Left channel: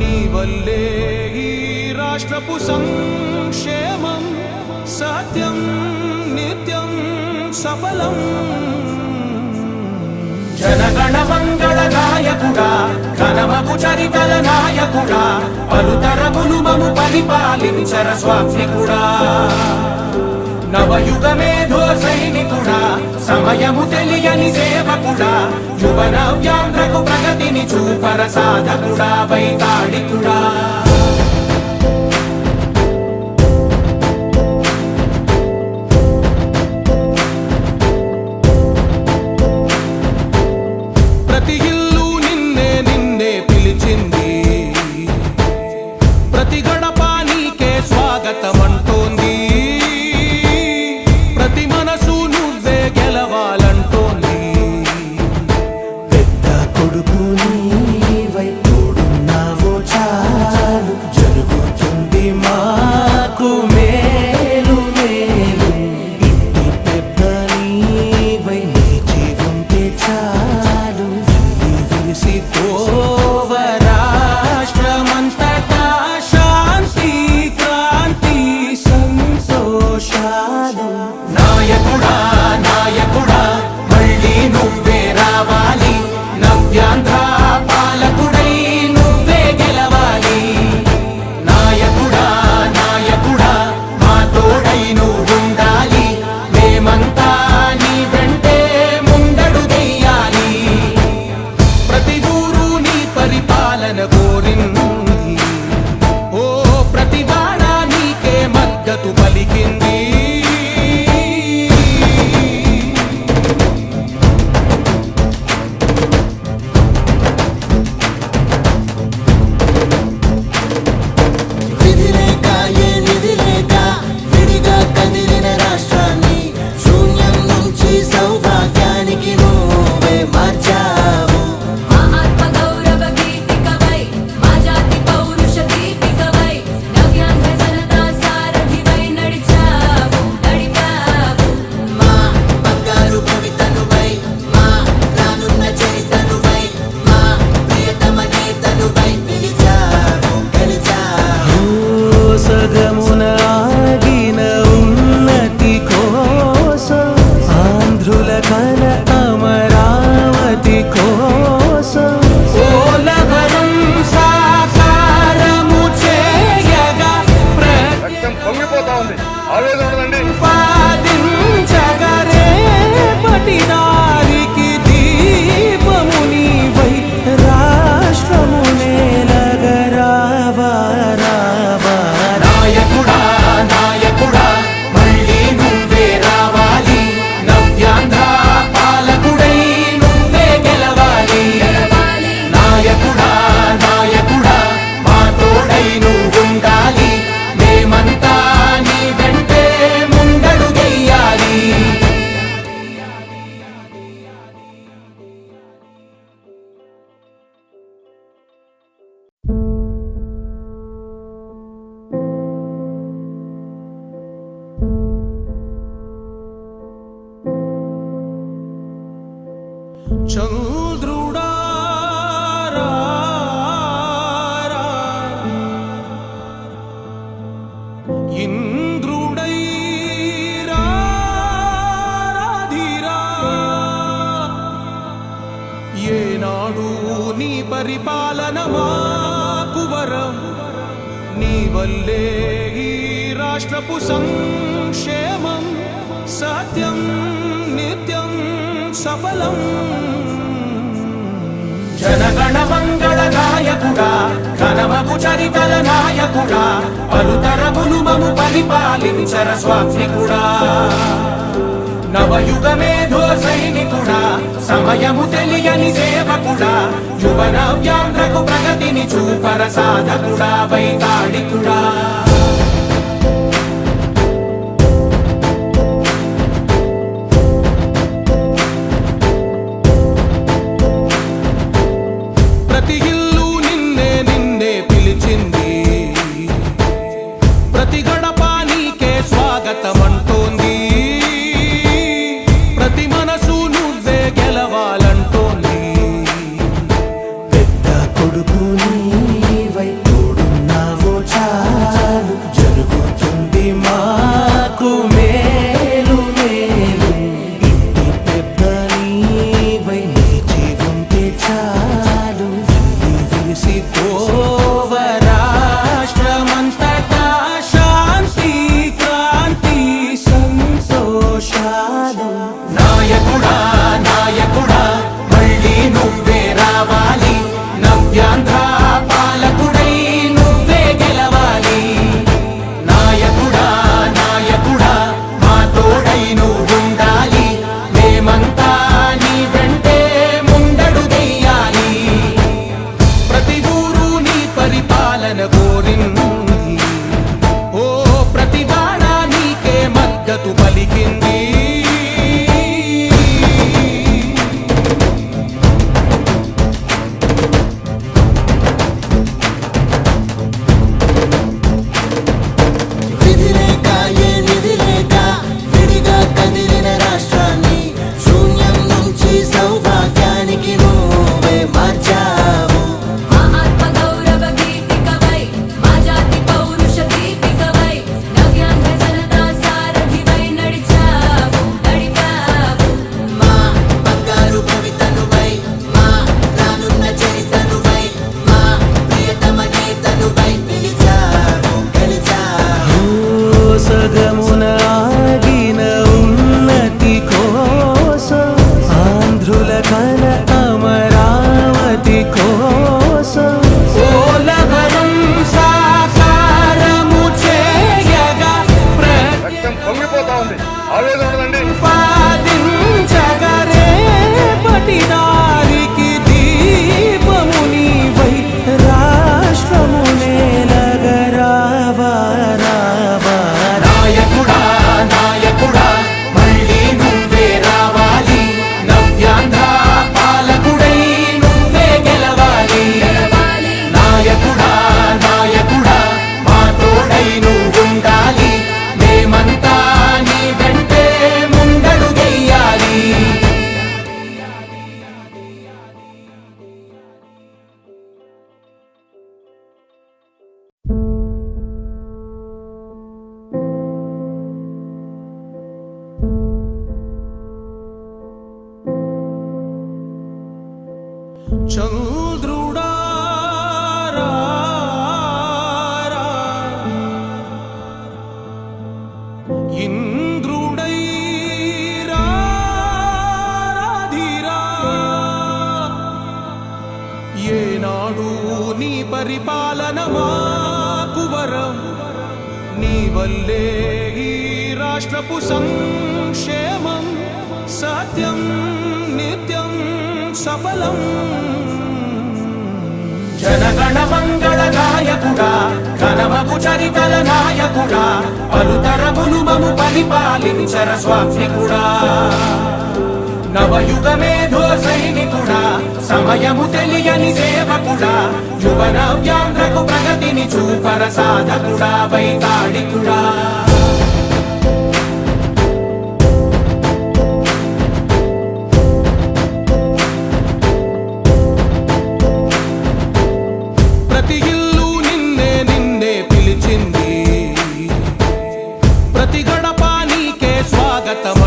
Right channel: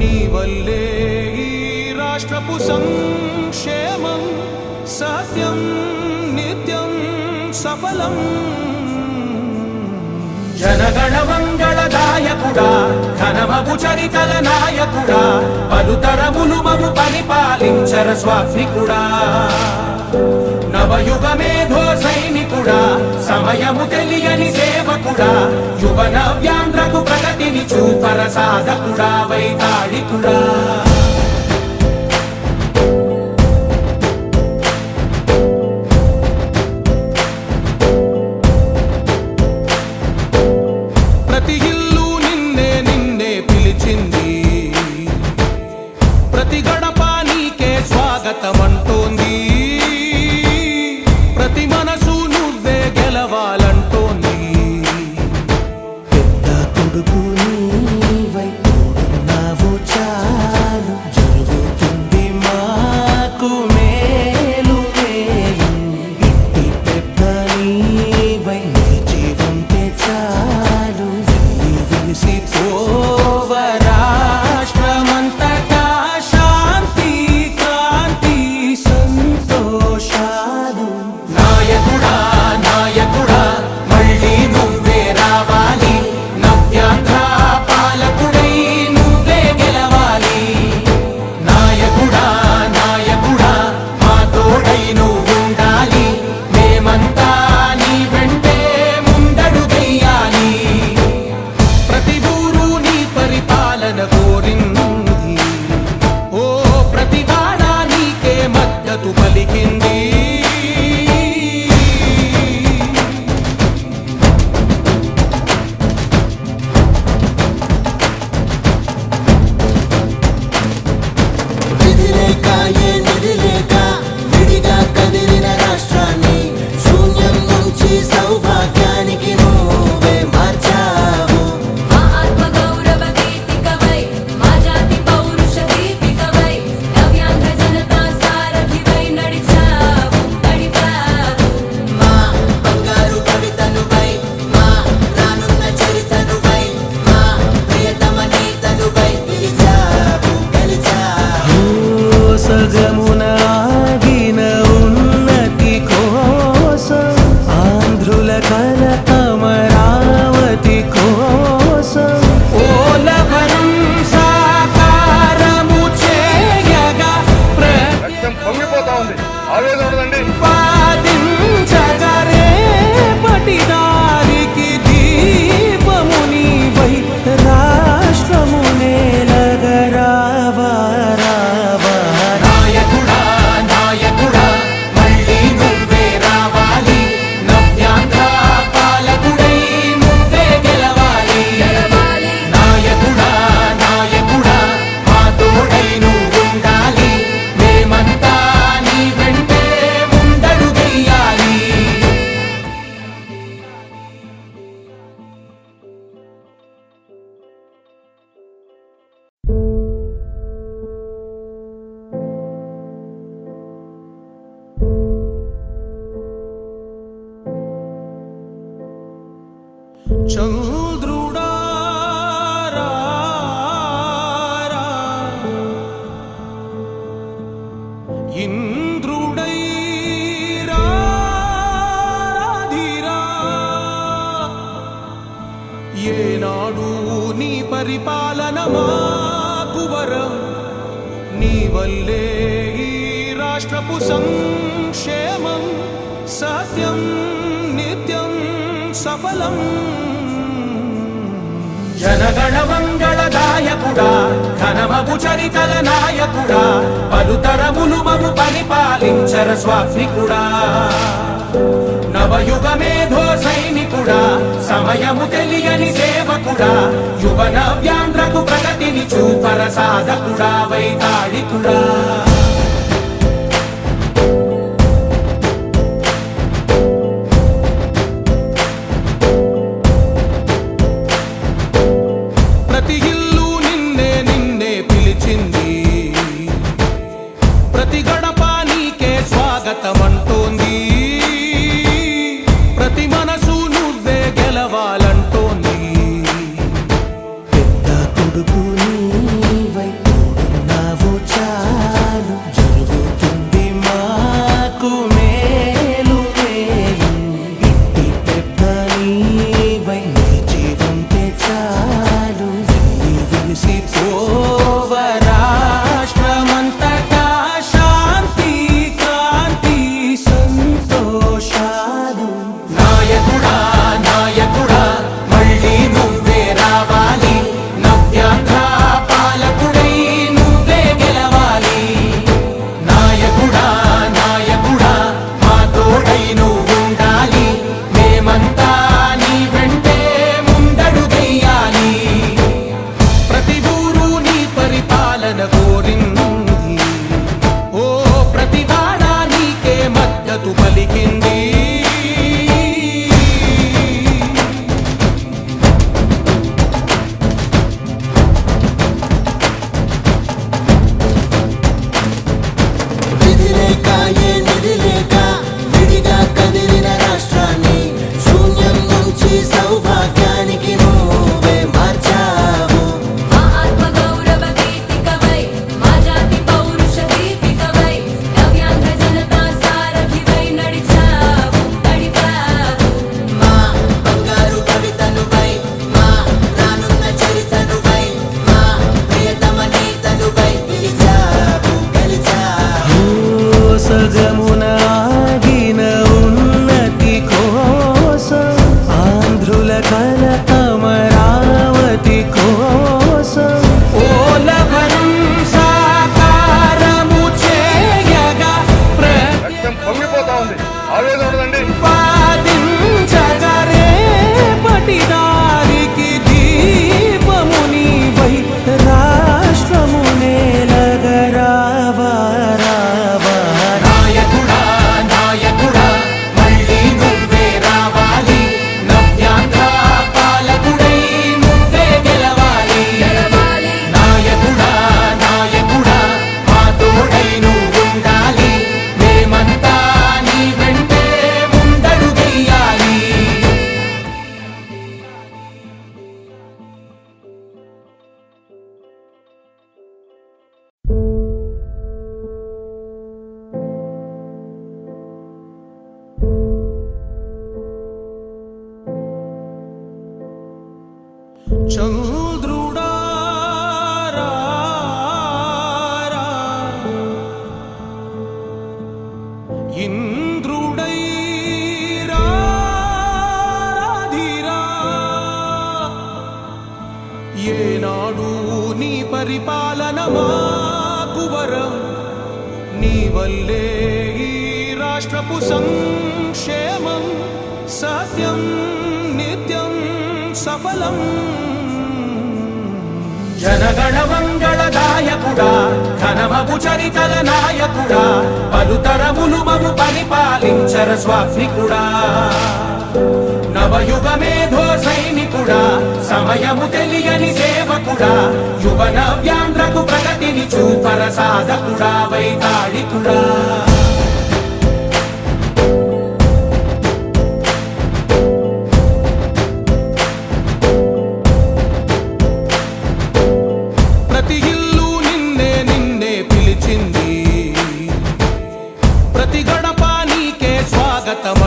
నీ వల్లే ఈ రాష్ట్రపు సంక్షేమం సత్యం నిత్యం సఫలం. జనగణ మంగళ గాయకుడా ఘనమగు చరితల నాయకుడా పలుతరములు మము పరిపాలించర స్వామికుడా. నవయుగ మేధో సైనికుడా సమయము తెలియని సేవకుడా యువ నవ్యాంధ్రకు ప్రగతిని చూపర సాధకుడా వైతాళికుడా. ప్రతి ఇల్లు నిన్నే నిన్నే పిలిచింది, ప్రతి గడప నీకే స్వాగతమంటోంది, ప్రతి మనసు నువ్వే గెలవాలంటోంది. పెద్ద కొడుకు నీవై తోడున్నావు చాలు జరుగుతుంది మాకు మేలు మేలు. ఇంటి పెద్ద నీవై నిలిచి ఉంటే చాలు విరిసి పోవ రాష్ట్రమంతటా శాంతి క్రాంతి సంతోషాలు. నాయకుడా నాయకుడా మళ్ళీ నువ్వే రావాలి, నవ్యాంధ్ర పాలకుడై నువ్వే గెలవాలి. నాయకుడా నాయకుడా మా తోడై నువ్వుండాలి, మేమంతా నీ వెంటే ముందడుగెయ్యాలి. ప్రతి ఊరు నీ పరిపాలన కోరింది, ఓ ప్రతి వాడ నీకే మద్దతు పలికింది. విధి లేక ఏ నిధి లేక విడిగా కదిలిన రాష్ట్రాన్ని శూన్యం నుంచి సౌభాగ్యానికి నువ్వే మార్చావు. మా ఆత్మ గౌరవ గీతికవై మా జాతి పౌరుష దీపికవై నవ్యాంధ్ర జనతా సారథివై నడిచావు నడిపావు. మా బంగారు భవితనువై మా రానున్న చరితనువై మా ప్రియతమ నేతనువై పిలిచావు గెలిచావు. సగమున ఆగిన ఉన్నతి కోసం ఆంధ్రుల కల అమరావతి కోసం ఓలవరం సాకారము చేయగా రక్తం పొంగిపోతా ఉంది, ఆవేదన ఉండదండి. ప్రతిపాదించగరే పటిదారికి దీపము నీవై రాష్ట్రము నేలగరావా రావా. నాయకుడా నాయకుడా మళ్ళీ నువ్వే రావాలి, నవ్యాంధ్ర పాలకుడై నువ్వే గెలవాలి. నాయకుడా నాయకుడా మా తోడై నువ్వుండాలి, మేమంతా నీ వెంటే ముందడుగెయ్యాలి. చంద్రుడా రా రా, ఇంద్రుడై రాధిరా. ఏనాడు నీ పరిపాలన మాకు వరం, నీ వల్లే ఈ రాష్ట్రపు సంక్షేమం సత్యం నిత్యం సఫలం. జనగణ మంగళ గాయకుడా ఘనమగు చరితల నాయకుడా పలుతరములు మము పరిపాలించర స్వామికుడా. నవయుగ మేధో సైనికుడా సమయము తెలియని సేవకుడా యువ నవ్యాంధ్రకు ప్రగతిని చూపర సాధకుడా వైతాళికుడా. ప్రతి ఇల్లు నిన్నే నిన్నే పిలిచింది, ప్రతి గడప నీకే స్వాగతమంటోంది, ప్రతి మనసు నువ్వే గెలవాలంటోంది. పెద్ద కొడుకు నీవై ఏనాడు నీ పరిపాలన మాకు వరం, నీ వల్లే ఈ రాష్ట్రపు సంక్షేమం సత్యం నిత్యం సఫలం. జనగణ మంగళ నాయకుడా, ఘనమగు చరితల నాయకుడా, పలుతరములు మము పరిపాలించర స్వామికుడా. నవయుగ మేధో సైనికుడా, సమయము తెలియని సేవకుడా, యువ నవ్యాంధ్రకు ప్రగతిని చూపర సాధకుడా, వైతాళికుడా. ప్రతి ఇల్లు నిన్నే నిన్నే పిలిచింది, ప్రతి గడప నీకే స్వాగతం